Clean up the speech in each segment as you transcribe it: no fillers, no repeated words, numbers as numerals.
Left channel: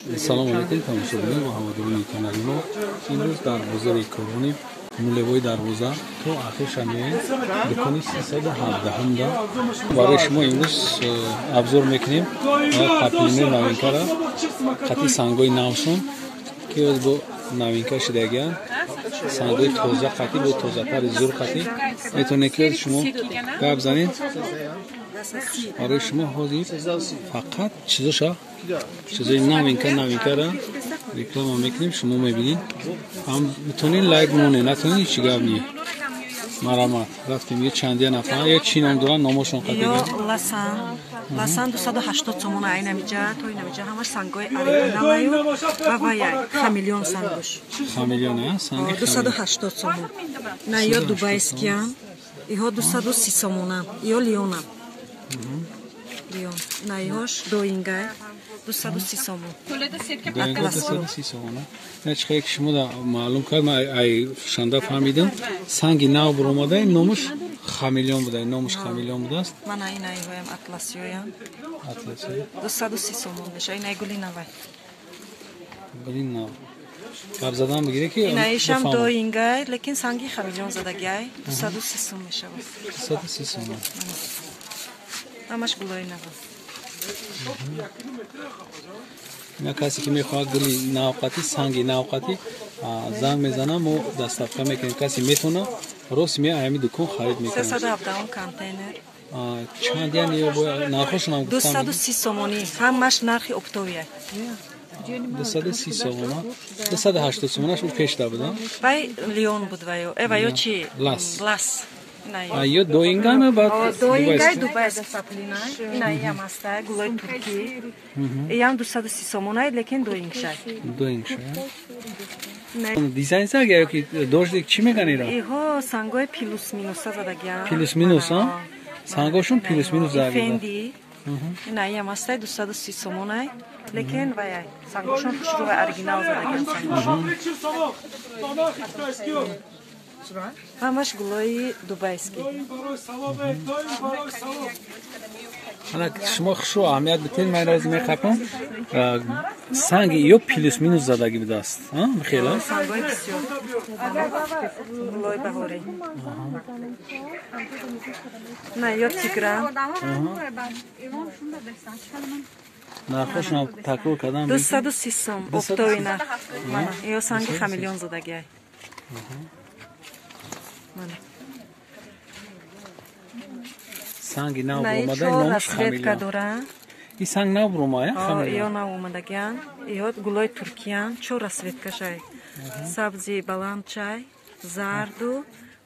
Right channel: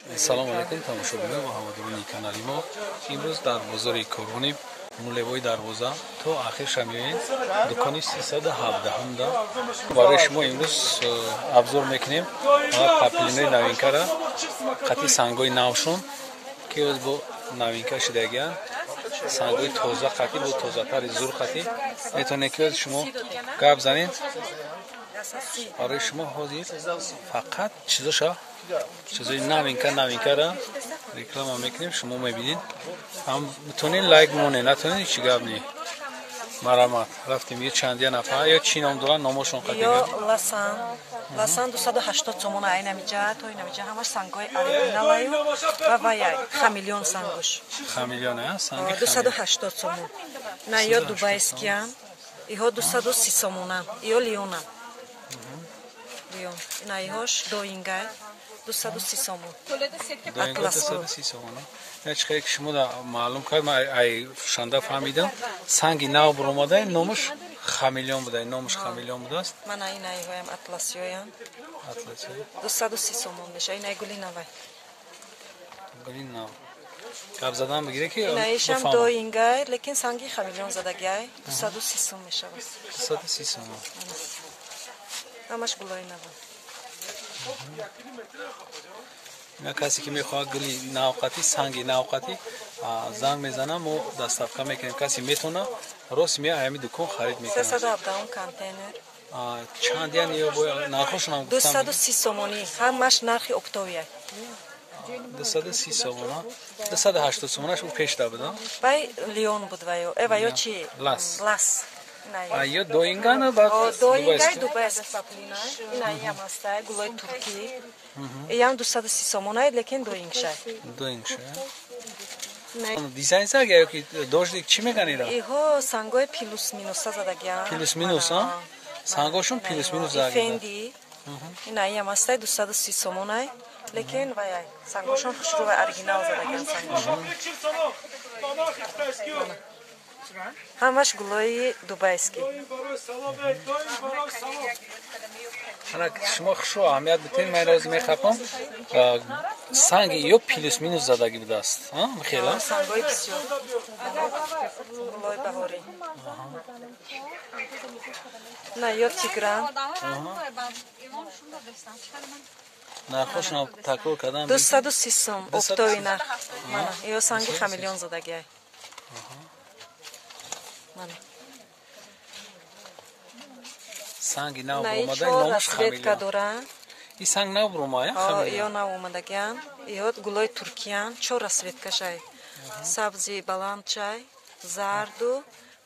سلام علیکم تماشاگران و هواداران کانال ما. امروز در بازار کورونی نولوی دروازه تا آخر شمیه دکانی 317 دا برای شما امروز ابزار میکنیم پاپلینوی نوینکا را خطی سنگوی نوسون که با نوینکا شدگیان سنگوی توزه خطی با توزه تر زور خطی میتونه که شما گاب زنید برای شما حاضر فقط چیزای نوینکا را reklama میکنیم شما میبینید هم میتونین لایک مونه نتونین چی گاب نی مرامت رفتیم یه چندی نفر یا چی نام دارن نامشون قطعا لسان 280 تومن عین نمیجا تو نمیجا همش سنگای اوریجینال و وای خمیلیون سنگوش خمیلیون ها سنگ 280 تومن نه یا دوبایسکیان ایها 230 تومن یا لیون نه یهاش دوینگای 230 تومن 230 تومن نه چه شما دا معلوم کرد من ای شنده فهمیدم سنگ نو بروماده نامش خمیلیون بوده نامش خمیلیون بوده است من این ایوایم اطلاسیویم 230 تومن بشه این گلی نوای گلی نو قبض زدن بگیره که اینایشم دوینگای لیکن سنگی خمیلیون زدگی 230 تومن میشه 230 تومن همش گلای نو نه کسی که میخواد گلی نوقتی سنگی نوقتی زنگ میزنه ما دستافکا میکنیم کسی میتونه راست میاد ایمی دکان خرید میکنه 317 کانتینر چند یعنی باید نرخشون هم گفتم 230 تومانی همش نرخ اکتبریه 230 تومن 280 تومنش اون پیش داد وای لیون بود وایو چی لاس یا دوینگانه بعد دوینگای دوبایس پاپلینا اینایی هم هست گلای ترکی ایام 230 تومنای لیکن دوینگ شای دیزاین ساگه که دوش چی میگن ایرا ایها سنگای پلوس مینوس زدگیا پلوس مینوس ها سنگاشون پلوس مینوس زدگیا فندی اینایی هم هست 230 تومنای لیکن وای سنگاشون شروع اوریجینال زدگیا همش گلای دوبایسکی انا شما خشو اهمیت بتین من روز میخوام سنگ یا پلوس مینوس زدگی بوده است ها خیلی سنگای بسیار گلای بهاری نه یا تیگران نرخشون تکرار کردم 230 سوم اکتوبر نرخ یا سنگ خمیلیون زدگی سنگ نو بروماده نامش خمیلیون این سنگ نو بروماده خمیلیون نو اومدگیان ایوت گلای ترکیان چو رسویتکا شای سبزی баланд чай зарду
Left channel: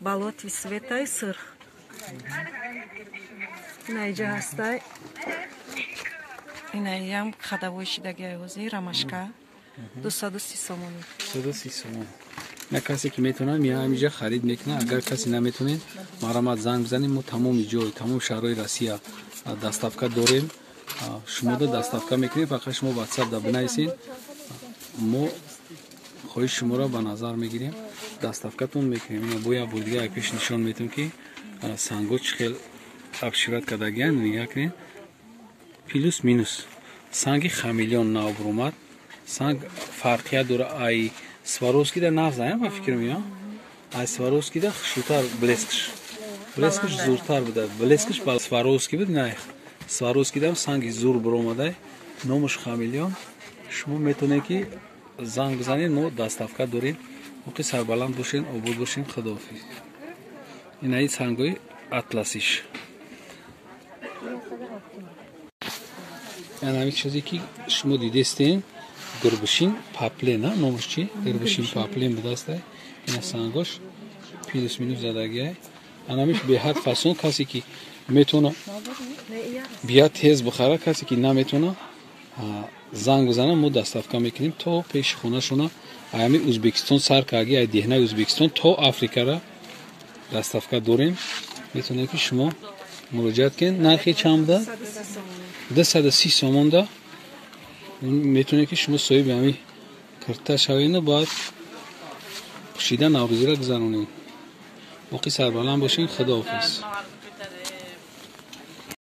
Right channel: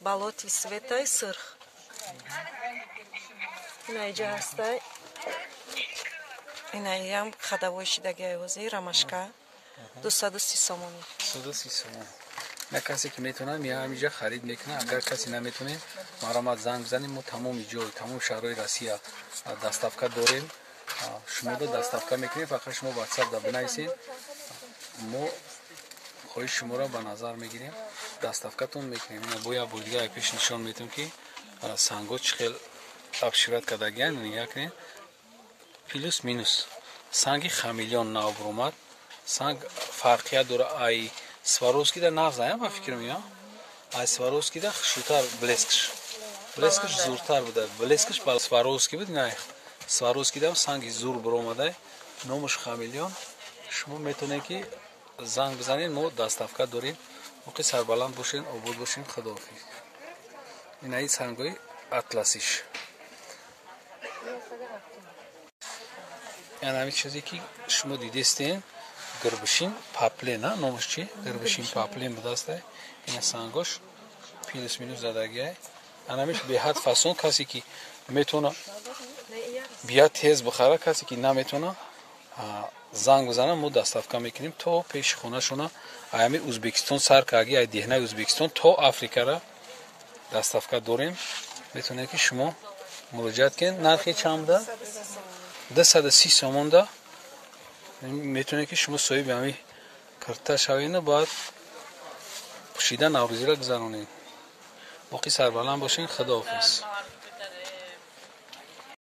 балотви светай сырх اینجا هسтай اینایی هم خداوی شدگی وزی رمشکا 230 تومن 230 تومن نه کسی که میتونه میاد اینجا خرید میکنه اگر کسی نمیتونه مرامت زنگ بزنیم ما تمام جای تمام شهرهای روسیه دستافکا داریم شما دو دستافکا میکنیم فقط شما واتساپ دا بنویسین ما خواهش شما را به نظر میگیریم دستافکاتون میکنیم اینا بویا بودگاه پیش نشون میتونم که سنگو چخیل ابشورت کدگیان نگاه کنین پلوس مینوس سنگ خمیلیون نو برومد سنگ فرقیه داره ای سواروسکی در نازنیم با فکر میام ای سواروسکی در خشوتر بلسکش زورتر بوده بلسکش با سواروسکی بود نه سواروسکی در سنگ زور برومده نامش خمیلیون شما میتونه که زنگ بزنین ما دستافکا داریم موقع سربلند باشین عبود باشین خداحافظ این ای سنگوی اطلسیش این همین چیزی که شما دیدستین گربشین پاپلین ها نامش چی؟ گربشین پاپلین بدسته این سنگاش پلوس مینوس زدگیه انامیش به حد فاسون کسی که میتونه بیا تیز بخره کسی که نمیتونه زنگ بزنه ما دستافکا میکنیم تا پیش خونه شونه ایامی ازبکستان سر کاگی ای دهنه ازبکستان تا آفریقا را دستافکا داریم میتونه که شما مراجعت کن نرخی چند ده 230 تومن ده میتونه که شما صاحب همین کرتا شوینه باید پوشیدن نوروزی را گذرونیم موقع سربلند باشین خداحافظ